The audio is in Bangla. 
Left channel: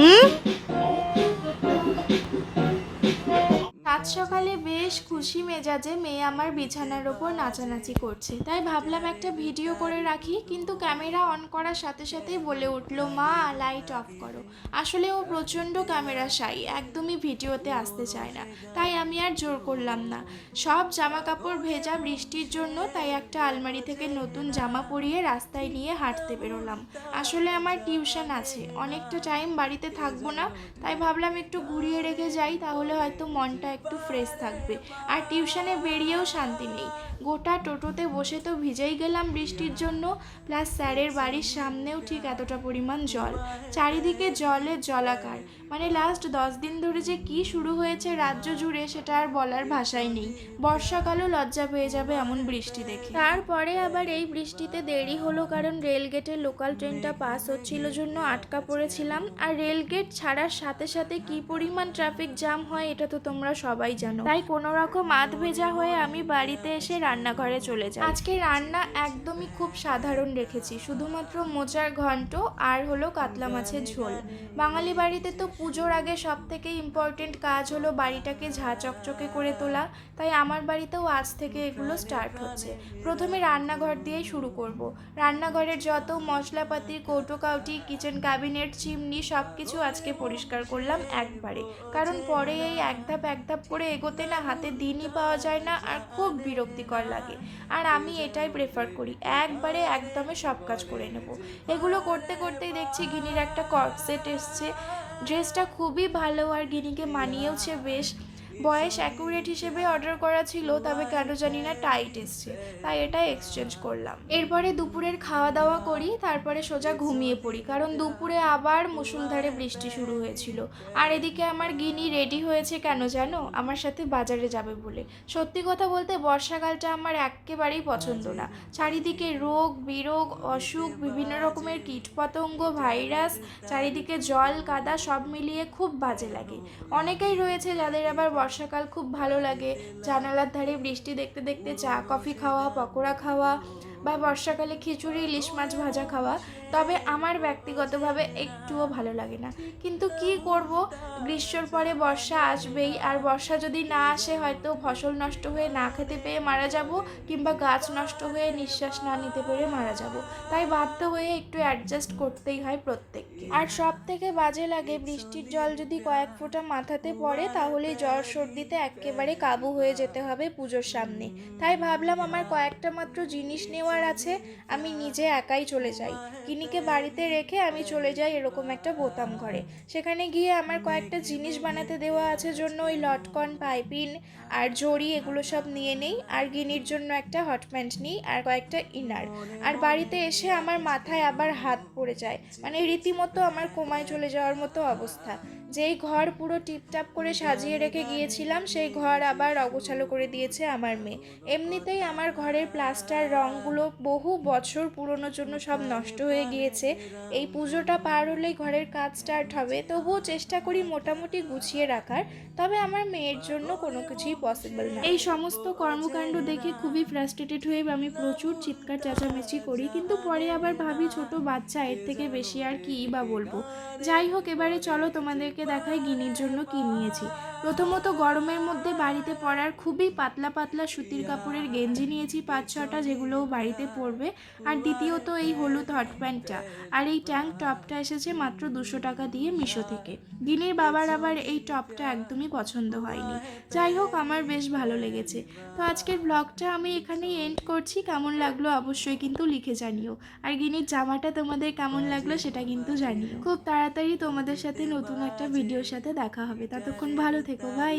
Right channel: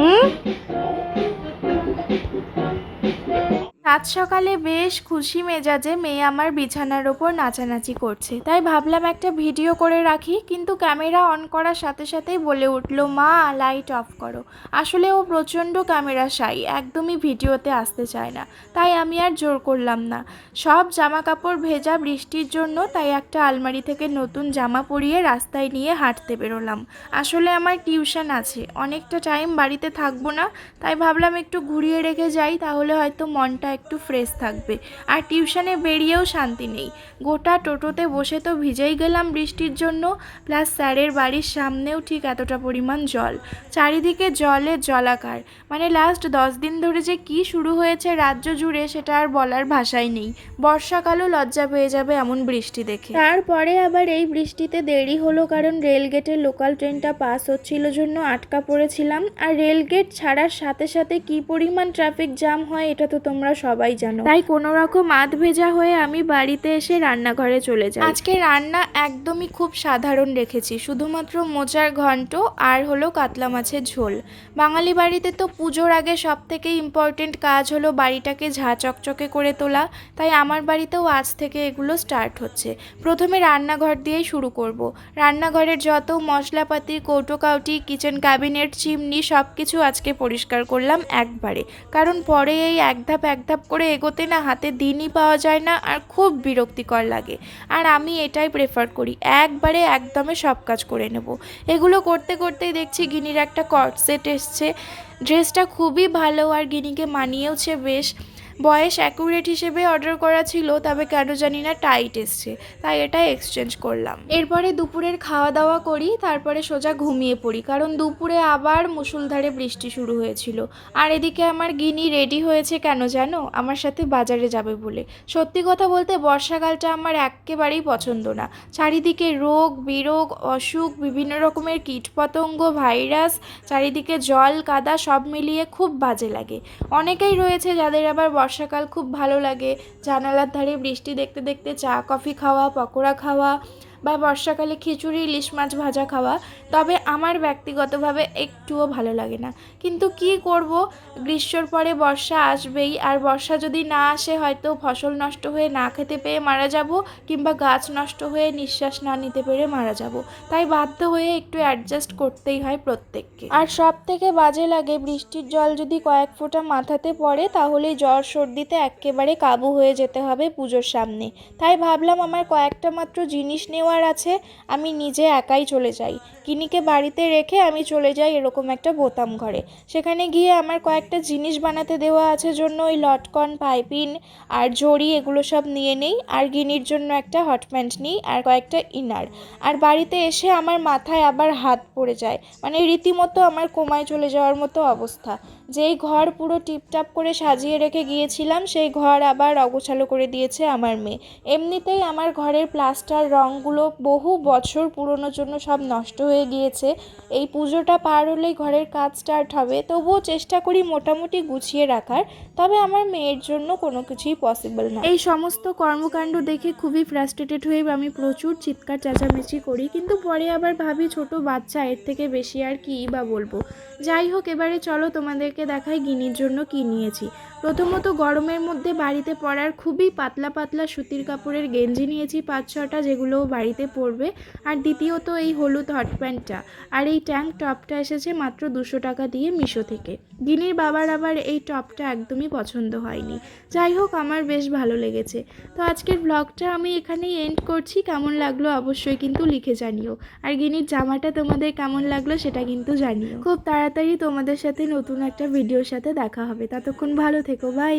嗯？সকালে বেশ খুশি মেজাজে মেয়ে আমার বিছানার ওপর নাচানাচি করছে। তাই ভাবলাম একটা ভিডিও করে রাখি, কিন্তু ক্যামেরা অন করার সাথে সাথেই বলে উঠল, মা, লাইট অফ করো। আসলে ও প্রচণ্ড ক্যামেরা সাই একদমই ভিডিওতে আসতে চায় না। তাই আমি আর জোর করলাম না। সব জামা কাপড় ভেজা বৃষ্টির জন্য, তাই একটা আলমারি থেকে নতুন জামা পরিয়ে রাস্তায় নিয়ে হাঁটতে বেরোলাম। আসলে আমার টিউশন আছে, অনেকটা টাইম বাড়িতে থাকব না, তাই ভাবলাম একটু ঘুরিয়ে রেখে যাই, তাহলে হয়তো মনটা একটু ফ্রেশ থাকবে। আর টিউশনে বেরিয়েও শান্তি নেই। গোটা টোটোতে বসে তো ভিজেই গেলাম বৃষ্টির জন্য। প্লাস স্যারের বাড়ির সামনেও ঠিক এতটা পরিমাণ জল। চারিদিকে জলে জলাকার। মানে লাস্ট দশ দিন ধরে যে কি শুরু হয়েছে রাজ্য জুড়ে সেটা আর বলার ভাষাই নেই। বর্ষাকালও লজ্জা পেয়ে যাবে এমন বৃষ্টি দেখে। তারপরে আবার এই বৃষ্টিতে দেরি হলো কারণ রেলগেটের লোকাল ট্রেনটা পাস হচ্ছিল জন্য আটকা পড়েছিলাম। আর রেলগেট ছাড়ার সাথে সাথে কি পরিমাণ ট্রাফিক জ্যাম হয়, এটা তো তোমরা সবাই জানো। তাই কোনো রকম আধ ভেজা হয়ে আমি বাড়িতে এসে রান্নাঘরে চলে যাই। আজকে রান্না একদমই খুব সাধারণ রেখেছি শুধুমাত্র মোচার ঘন্ট আর হলো কাতলা মাছের ঝোল। বাঙালি বাড়িতে তো পুজোর আগে সব থেকে ইম্পর্টেন্ট কাজ হলো বাড়িটাকে ঝা চকচকে করে তোলা তাই আমার বাড়িতেও আজ থেকে এগুলো স্টার্ট হচ্ছে। প্রথমে রান্নাঘর দিয়েই শুরু করব। রান্নাঘরের যত মশলাপাতি কৌটো কাউটি কিচেন ক্যাবিনেট চিমনি সব কিছু আজকে পরিষ্কার করলাম একবারে। কারণ পরে এই এক ধাপ এক ধাপ করে এগোতে না হাতে দিনই পাওয়া যায় না আর খুব বিরক্তিকর লাগে। আর আমি এটাই প্রেফার করি, একবারে একদমে সব কাজ করে নেব। এগুলো করতে করতেই দেখছি গিনির একটা কট সেট এসছে ড্রেসটা খুবই ভালো আর গিনিকে মানিয়েওছে বেশ। বয়স অ্যাকুরেট হিসেবে অর্ডার করা ছিল, তবে কেন জানি না টাইট এসছে, তাই এটা এক্সচেঞ্জ করলাম। এরপরে দুপুরের খাওয়া দাওয়া করি, তারপরে সোজা ঘুমিয়ে পড়ি, কারণ দুপুরে আবার মুষলধারে বৃষ্টি শুরু হয়েছিল। আর এদিকে আমার গিনি রেডি হয়েছে কেন জানো? আমার সাথে বাজারে যাবে বলে। সত্যি কথা বলতে বর্ষাকালটা আমার একেবারেই পছন্দ না। চারিদিকে রোগ, বিরোগ, অসুখ, বিভিন্ন রকমের কীটপতঙ্গ, ভাইরাস, চারিদিকে জল, কাদা সব মিলিয়ে খুব বাজে লাগে। অনেকেই রয়েছে যাদের আবার বর্ষাকাল খুব ভালো লাগে। জানালার ধারে বৃষ্টি দেখতে দেখতে চা কফি খাওয়া পকোড়া খাওয়া বা বর্ষাকালে খিচুড়ি, ইলিশ মাছ ভাজা খাওয়া, তবে আমার ব্যক্তিগতভাবে একটুও ভালো লাগে না। কিন্তু কি করব? গ্রীষ্মর পরে বর্ষা আসবেই, আর বর্ষা যদি না আসে, হয়তো ফসল নষ্ট হয়ে না খেতে পেয়ে মারা যাব, কিংবা গাছ নষ্ট হয়ে নিঃশ্বাস না নিতে পেরে মারা যাব। তাই বাধ্য হয়ে একটু অ্যাডজাস্ট করতেই হয় প্রত্যেককে। আর সব থেকে বাজে লাগে, বৃষ্টির জল যদি কয়েক ফোঁটা মাথাতে পড়ে তাহলে জ্বর সর্দিতে একেবারে কাবু হয়ে যেতে হবে পুজোর সামনে। তাই ভাবলাম আমার কয়েকটা মাত্র জিনিস নেওয়ার আছে, আমি নিজে একাই চলে যাই। কিনিকে বাড়িতে রেখে আমি চলে যাই এরকম একটা বোতাম ঘরে। সেখানে গিয়ে আমার কয়েকটা জিনিস বানাতে দেওয়া আছে, জন্য ওই লটকন, পাইপিন আর জড়ি এগুলো সব নিয়ে নেই। আর গিনির জন্য একটা হট প্যান্ট নিই আর কয়েকটা ইনার। আর বাড়িতে এসে আমার মাথায় আবার হাত পড়ে যায়। মানে রীতিমতো আমার কোমায় চলে যাওয়ার মতো অবস্থা। যেই ঘর পুরো টিপটাপ করে সাজিয়ে রেখে গিয়েছিলাম, সেই ঘর আবার অগোছালো করে দিয়েছে আমার মেয়ে। এমনিতেই আমার ঘরের প্লাস্টার রঙগুলো বহু বছর পুরনোর জন্য সব নষ্ট হয়ে গিয়েছে। এই পুজোটা পার হলেই ঘরের কাজ স্টার্ট হবে, তবুও চেষ্টা করি মোটামুটি গুছিয়ে রাখার, তবে আমার মেয়ের জন্য কোনো কিছুই পসিবল না এই সমস্ত কর্মকাণ্ড দেখে খুবই ফ্রাস্ট্রেটেড হয়ে আমি প্রচুর চিৎকার চেঁচামেচি করি, কিন্তু পরে আবার ভাবি ছোট বাচ্চা, এর থেকে বেশি আর কী বা বলব। যাই হোক, এবারে চলো তোমাদেরকে দেখাই গিনির জন্য কি নিয়েছি। প্রথমত গরমের মধ্যে বাড়িতে পরার খুবই পাতলা পাতলা সুতির কাপড়ের গেঞ্জি নিয়েছি পাঁচ ছটা যেগুলো বাড়িতে পরবে। আর দ্বিতীয়ত এই হলুদ হট প্যান্টটা। আর এই ট্যাঙ্ক টপটা এসেছে মাত্র দুশো টাকা দিয়ে মিশো থেকে। গিনির বাবার আবার এই টপটা একদমই পছন্দ হয়নি। যাই হোক, আমার বেশ ভালো লেগেছে। তো আজকের ব্লগটা আমি এখানেই এন্ড করছি। কেমন লাগল অবশ্যই কিন্তু লিখে জানিও। আর গিনির জামাটা তোমাদের কেমন লাগল সেটা কিন্তু জানিও। খুব তাড়াতাড়ি তোমাদের সাথে নতুন একটা ভিডিওর সাথে দেখা হবে। ততক্ষণ ভালো থেকো বাই।